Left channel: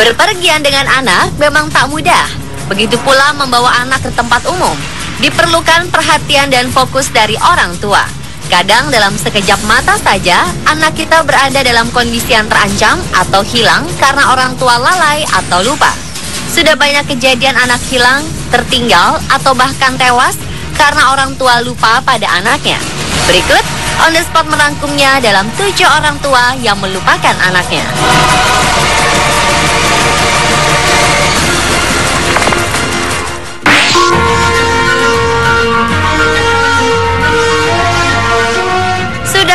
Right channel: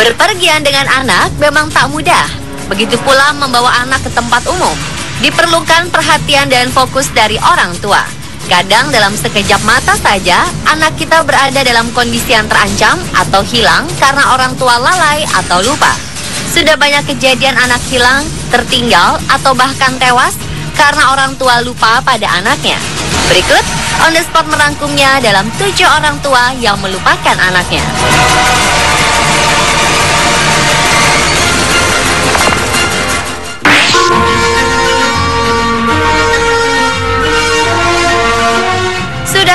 Berpergian dengan anak memang tak mudah. Begitu pula membawa anak ke tempat umum. Diperlukan perhatian dan fokus dari orang tua. Kadang dalam sekejap mata saja, anak kita berada dalam kondisi yang terancam atau hilang karena orang tua lalai atau lupa. Sudah banyak kejadian anak hilang, tertinggal, atau bahkan tewas karena orang tua lupa pada anaknya. Berikut, On The Spot merangkumnya dalam 7 orang tua yang melupakan anaknya.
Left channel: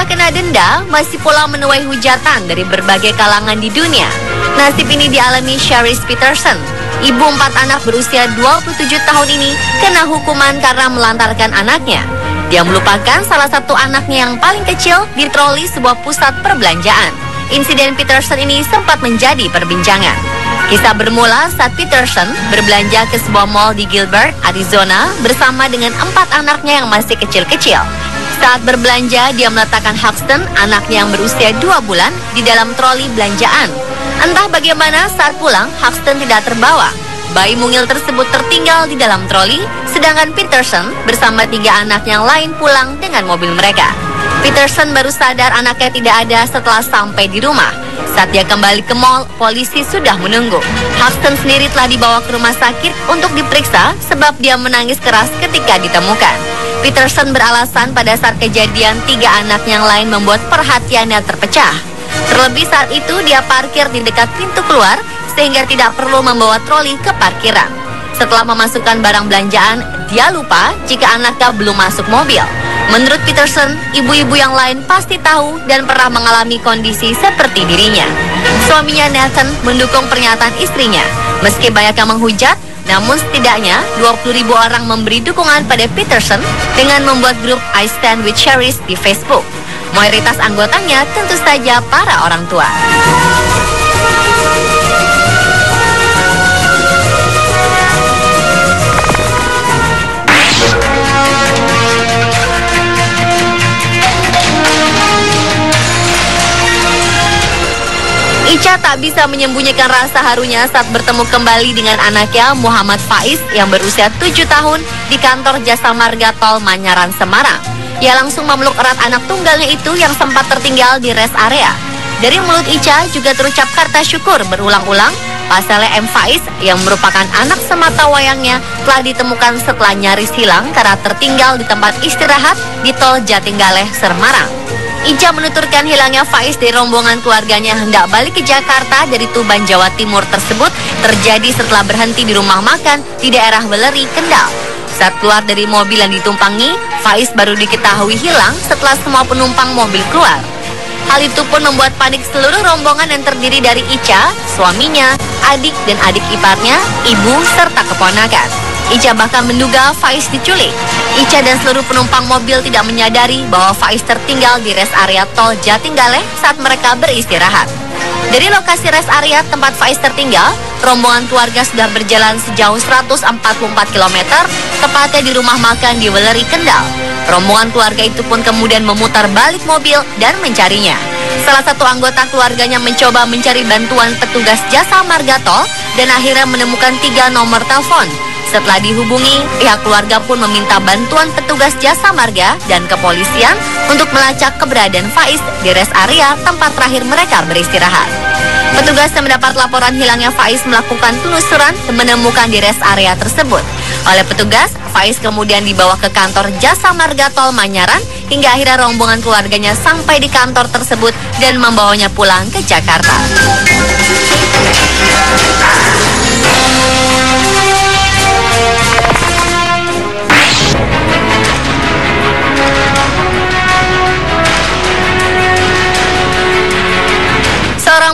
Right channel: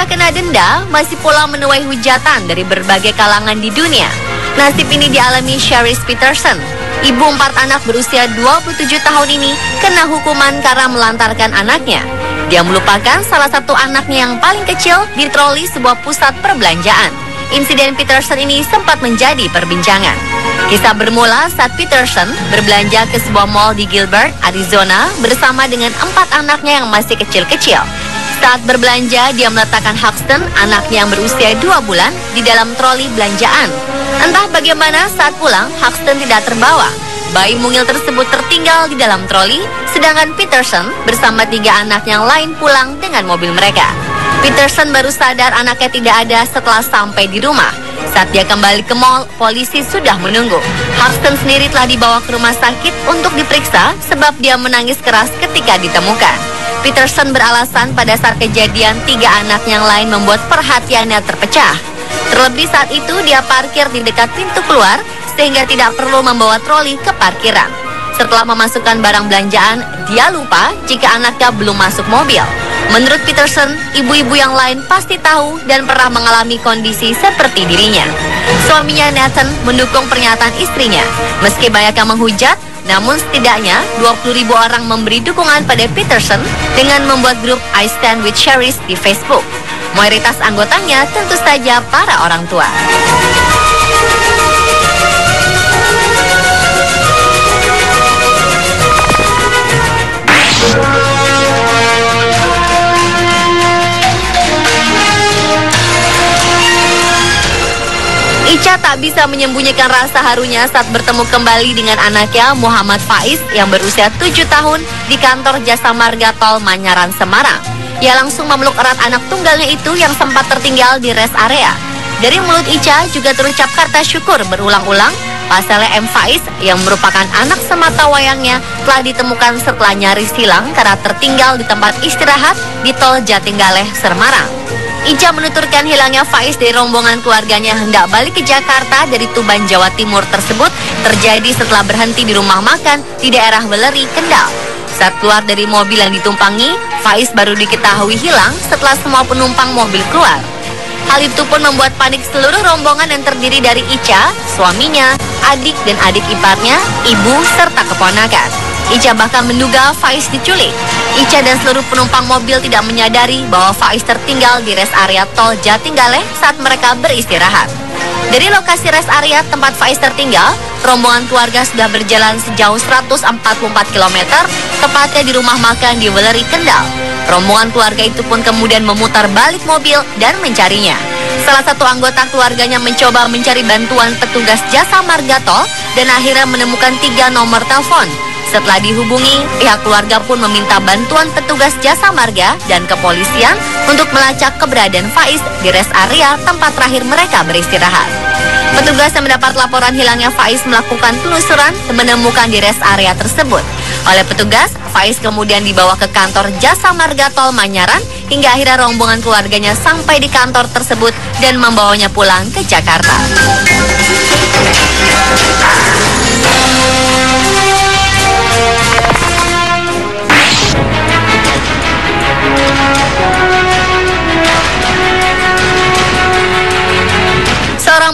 Kena denda, masih pula menuai hujatan dari berbagai kalangan di dunia. Nasib ini dialami Charis Peterson. Ibu 4 anak berusia 27 tahun ini kena hukuman karena melantarkan anaknya. Dia melupakan salah satu anaknya yang paling kecil di troli sebuah pusat perbelanjaan. Insiden Peterson ini sempat menjadi perbincangan. Kisah bermula saat Peterson berbelanja ke sebuah mall di Gilbert, Arizona bersama dengan 4 anaknya yang masih kecil-kecil. Saat berbelanja, dia meletakkan Huxton, anaknya yang berusia 2 bulan, di dalam troli belanjaan. Entah bagaimana saat pulang, Huxton tidak terbawa. Bayi mungil tersebut tertinggal di dalam troli, sedangkan Peterson bersama 3 anak yang lain pulang dengan mobil mereka. Peterson baru sadar anaknya tidak ada setelah sampai di rumah. Saat dia kembali ke mall, polisi sudah menunggu. Huxton sendiri telah dibawa ke rumah sakit untuk diperiksa sebab dia menangis keras ketika ditemukan. Peterson beralasan pada saat kejadian 3 anak yang lain membuat perhatiannya terpecah. Terlebih saat itu dia parkir di dekat pintu keluar sehingga tidak perlu membawa troli ke parkiran. Setelah memasukkan barang belanjaan, dia lupa jika anaknya belum masuk mobil. Menurut Peterson, ibu-ibu yang lain pasti tahu dan pernah mengalami kondisi seperti dirinya. Suaminya Nathan mendukung pernyataan istrinya. Meski banyak yang menghujat, namun setidaknya 20.000 orang memberi dukungan pada Peterson dengan membuat grup I Stand With Charis di Facebook. Mayoritas anggotanya tentu saja para orang tua. Ica tak bisa menyembunyikan rasa harunya saat bertemu kembali dengan anaknya Muhammad Faiz yang berusia 7 tahun di kantor Jasa Marga Tol Manyaran, Semarang. Ia langsung memeluk erat anak tunggalnya itu yang sempat tertinggal di rest area. Dari mulut Ica juga terucap kata syukur berulang-ulang. Pasalnya M. Faiz yang merupakan anak semata wayangnya telah ditemukan setelah nyaris hilang karena tertinggal di tempat istirahat di Tol Jatinggaleh, Semarang. Ica menuturkan hilangnya Faiz dari rombongan keluarganya hendak balik ke Jakarta dari Tuban, Jawa Timur tersebut terjadi setelah berhenti di rumah makan di daerah Weleri, Kendal. Saat keluar dari mobil yang ditumpangi, Faiz baru diketahui hilang setelah semua penumpang mobil keluar. Hal itu pun membuat panik seluruh rombongan yang terdiri dari Ica, suaminya, adik dan adik iparnya, ibu, serta keponakan. Ica bahkan menduga Faiz diculik. Ica dan seluruh penumpang mobil tidak menyadari bahwa Faiz tertinggal di rest area Tol Jatinggaleh saat mereka beristirahat. Dari lokasi rest area tempat Faiz tertinggal, rombongan keluarga sudah berjalan sejauh 144 km, tepatnya di rumah makan di Weleri, Kendal. Rombongan keluarga itu pun kemudian memutar balik mobil dan mencarinya. Salah satu anggota keluarganya mencoba mencari bantuan petugas Jasa Marga Tol dan akhirnya menemukan 3 nomor telepon. Setelah dihubungi, pihak keluarga pun meminta bantuan petugas Jasa Marga dan kepolisian untuk melacak keberadaan Faiz di rest area tempat terakhir mereka beristirahat. Petugas yang mendapat laporan hilangnya Faiz melakukan penelusuran dan menemukan di rest area tersebut. Oleh petugas, Faiz kemudian dibawa ke kantor Jasa Marga Tol Manyaran hingga akhirnya rombongan keluarganya sampai di kantor tersebut dan membawanya pulang ke Jakarta.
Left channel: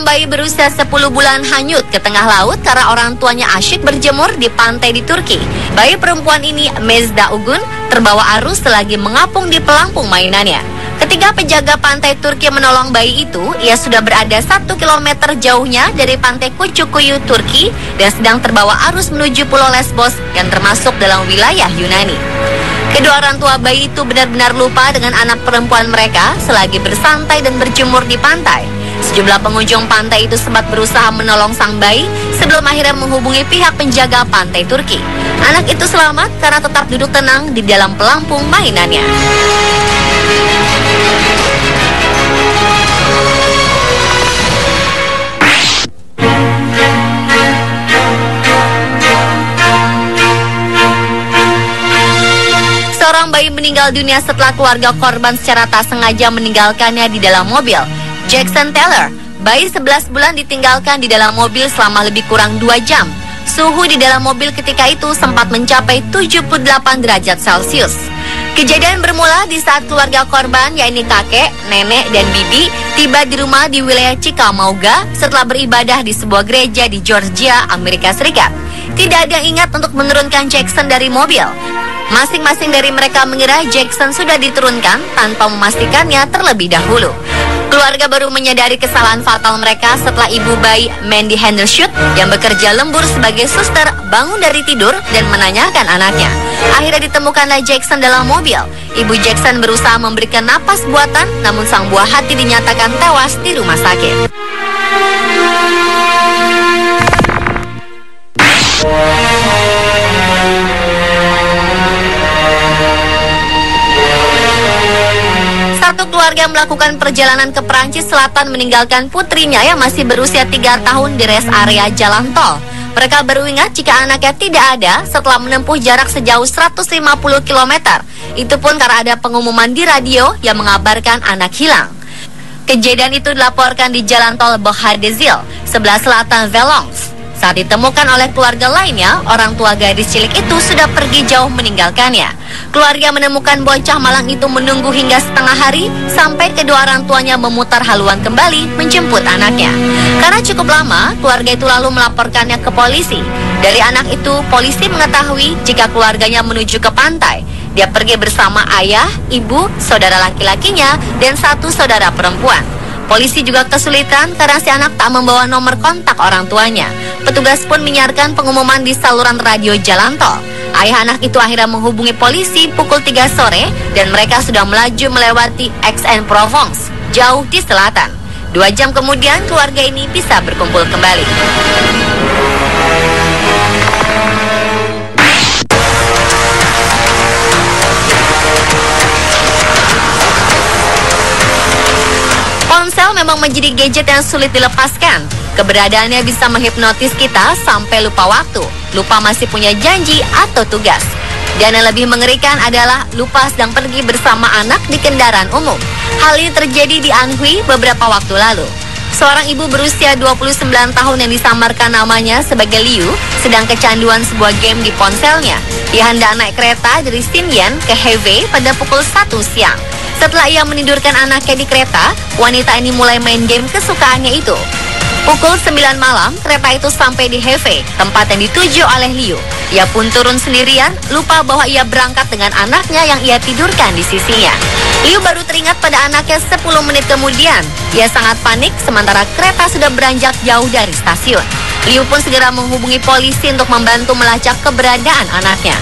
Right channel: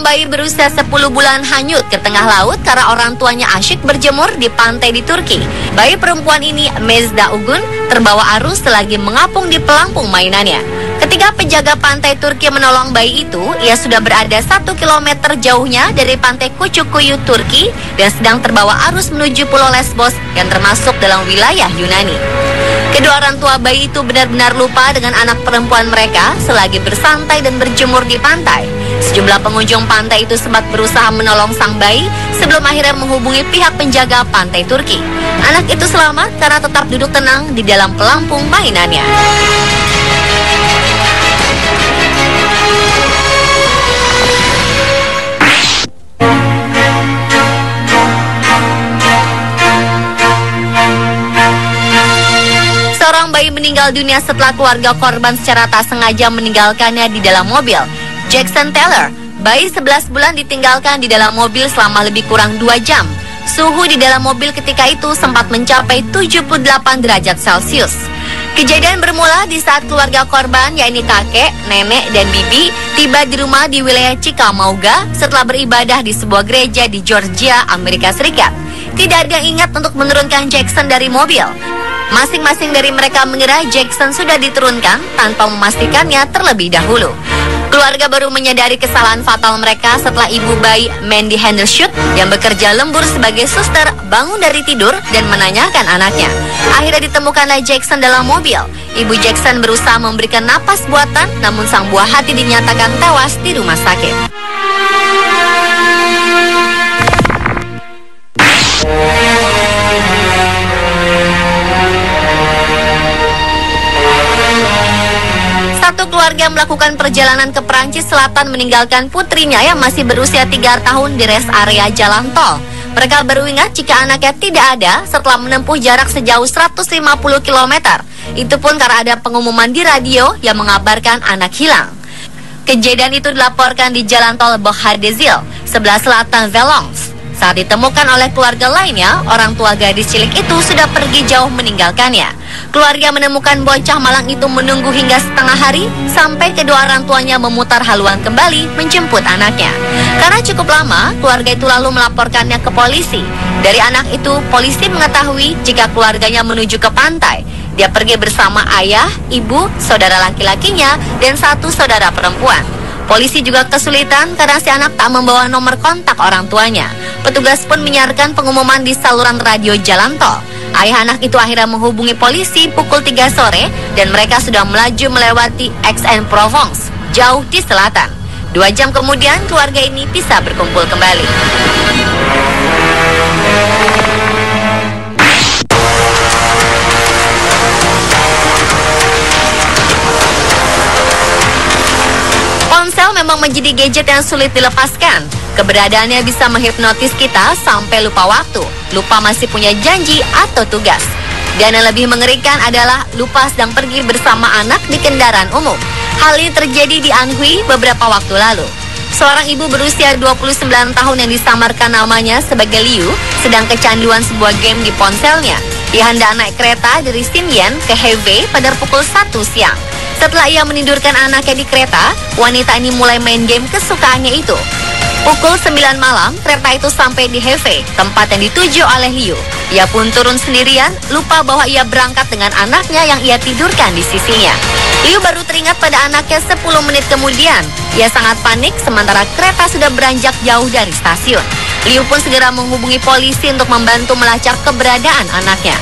Bayi berusia 10 bulan hanyut ke tengah laut karena orang tuanya asyik berjemur di pantai di Turki. Bayi perempuan ini, Mezda Ugun, terbawa arus selagi mengapung di pelampung mainannya. Ketika penjaga pantai Turki menolong bayi itu, ia sudah berada 1 kilometer jauhnya dari pantai Kucukuyu, Turki, dan sedang terbawa arus menuju Pulau Lesbos yang termasuk dalam wilayah Yunani. Kedua orang tua bayi itu benar-benar lupa dengan anak perempuan mereka selagi bersantai dan berjemur di pantai. Sejumlah pengunjung pantai itu sempat berusaha menolong sang bayi sebelum akhirnya menghubungi pihak penjaga pantai Turki. Anak itu selamat karena tetap duduk tenang di dalam pelampung mainannya. Dunia setelah keluarga korban secara tak sengaja meninggalkannya di dalam mobil. Jackson Taylor, bayi 11 bulan ditinggalkan di dalam mobil selama lebih kurang 2 jam. Suhu di dalam mobil ketika itu sempat mencapai 78 derajat Celcius. Kejadian bermula di saat keluarga korban, yakni kakek, nenek, dan bibi, tiba di rumah di wilayah Chickamauga setelah beribadah di sebuah gereja di Georgia, Amerika Serikat. Tidak ada yang ingat untuk menurunkan Jackson dari mobil. Masing-masing dari mereka mengira Jackson sudah diturunkan tanpa memastikannya terlebih dahulu. Keluarga baru menyadari kesalahan fatal mereka setelah ibu bayi Mandy Hendershot yang bekerja lembur sebagai suster bangun dari tidur dan menanyakan anaknya. Akhirnya ditemukanlah Jackson dalam mobil. Ibu Jackson berusaha memberikan napas buatan, namun sang buah hati dinyatakan tewas di rumah sakit. Keluarga yang melakukan perjalanan ke Perancis Selatan meninggalkan putrinya yang masih berusia 3 tahun di rest area jalan tol. Mereka baru ingat jika anaknya tidak ada setelah menempuh jarak sejauh 150 km. Itu pun karena ada pengumuman di radio yang mengabarkan anak hilang. Kejadian itu dilaporkan di jalan tol Boghadezil, sebelah selatan Valence. Saat ditemukan oleh keluarga lainnya, orang tua gadis cilik itu sudah pergi jauh meninggalkannya. Keluarga menemukan bocah malang itu menunggu hingga setengah hari sampai kedua orang tuanya memutar haluan kembali menjemput anaknya. Karena cukup lama, keluarga itu lalu melaporkannya ke polisi. Dari anak itu, polisi mengetahui jika keluarganya menuju ke pantai. Dia pergi bersama ayah, ibu, saudara laki-lakinya, dan 1 saudara perempuan. Polisi juga kesulitan karena si anak tak membawa nomor kontak orang tuanya. Petugas pun menyiarkan pengumuman di saluran radio jalan tol. Ayah anak itu akhirnya menghubungi polisi pukul 3 sore dan mereka sudah melaju melewati Aix-en-Provence, jauh di selatan. 2 jam kemudian keluarga ini bisa berkumpul kembali. Memang menjadi gadget yang sulit dilepaskan. Keberadaannya bisa menghipnotis kita sampai lupa waktu, lupa masih punya janji atau tugas. Dan yang lebih mengerikan adalah lupa sedang pergi bersama anak di kendaraan umum. Hal ini terjadi di Anhui beberapa waktu lalu. Seorang ibu berusia 29 tahun yang disamarkan namanya sebagai Liu sedang kecanduan sebuah game di ponselnya. Dia hendak naik kereta dari Xinyan ke Hebei pada pukul 1 siang. Setelah ia menidurkan anaknya di kereta, wanita ini mulai main game kesukaannya itu. Pukul 9 malam, kereta itu sampai di Hebei, tempat yang dituju oleh Liu. Ia pun turun sendirian, lupa bahwa ia berangkat dengan anaknya yang ia tidurkan di sisinya. Liu baru teringat pada anaknya 10 menit kemudian. Ia sangat panik sementara kereta sudah beranjak jauh dari stasiun. Liu pun segera menghubungi polisi untuk membantu melacak keberadaan anaknya.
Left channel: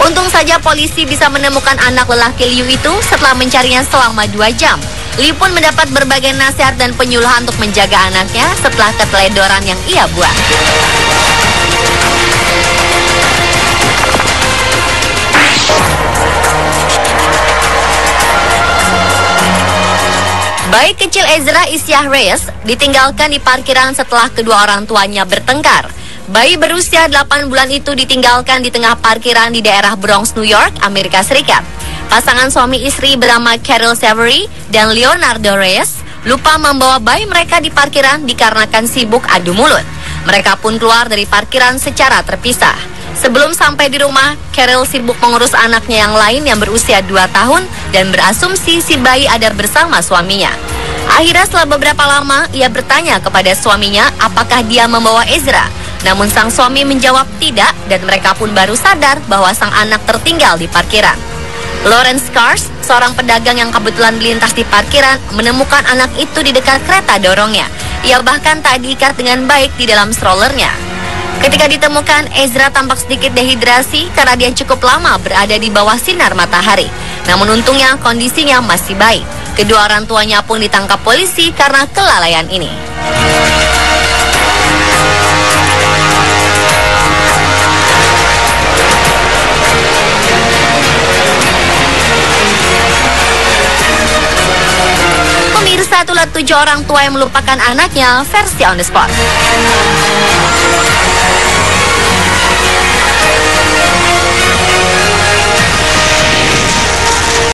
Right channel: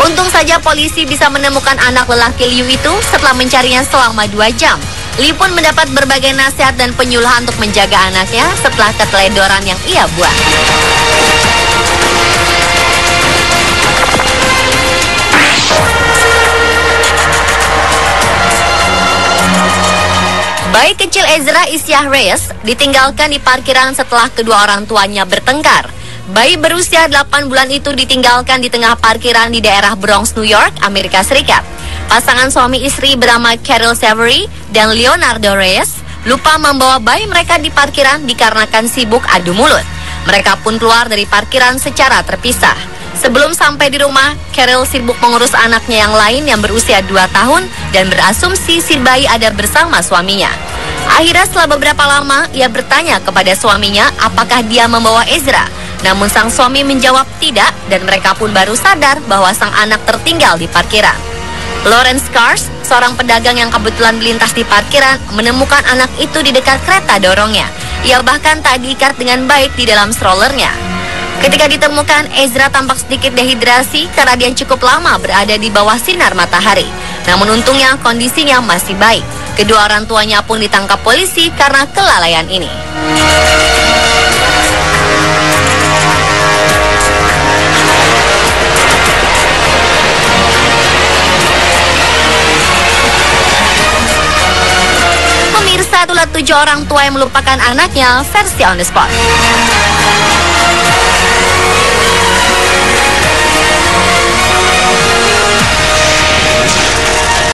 Untung saja polisi bisa menemukan anak lelaki Liu itu setelah mencarinya selama 2 jam. Liu pun mendapat berbagai nasihat dan penyuluhan untuk menjaga anaknya setelah keteledoran yang ia buat. Bayi kecil Ezra Isyah Reyes ditinggalkan di parkiran setelah kedua orang tuanya bertengkar. Bayi berusia 8 bulan itu ditinggalkan di tengah parkiran di daerah Bronx, New York, Amerika Serikat. Pasangan suami istri bernama Carol Savory dan Leonardo Reyes lupa membawa bayi mereka di parkiran dikarenakan sibuk adu mulut. Mereka pun keluar dari parkiran secara terpisah. Sebelum sampai di rumah, Carol sibuk mengurus anaknya yang lain yang berusia 2 tahun dan berasumsi si bayi ada bersama suaminya. Akhirnya setelah beberapa lama, ia bertanya kepada suaminya apakah dia membawa Ezra. Namun sang suami menjawab tidak dan mereka pun baru sadar bahwa sang anak tertinggal di parkiran. Lawrence Cars, seorang pedagang yang kebetulan melintas di parkiran, menemukan anak itu di dekat kereta dorongnya. Ia bahkan tak diikat dengan baik di dalam strollernya. Ketika ditemukan, Ezra tampak sedikit dehidrasi karena dia cukup lama berada di bawah sinar matahari. Namun untungnya kondisinya masih baik. Kedua orang tuanya pun ditangkap polisi karena kelalaian ini. Pemirsa, itulah 7 orang tua yang melupakan anaknya versi on the spot.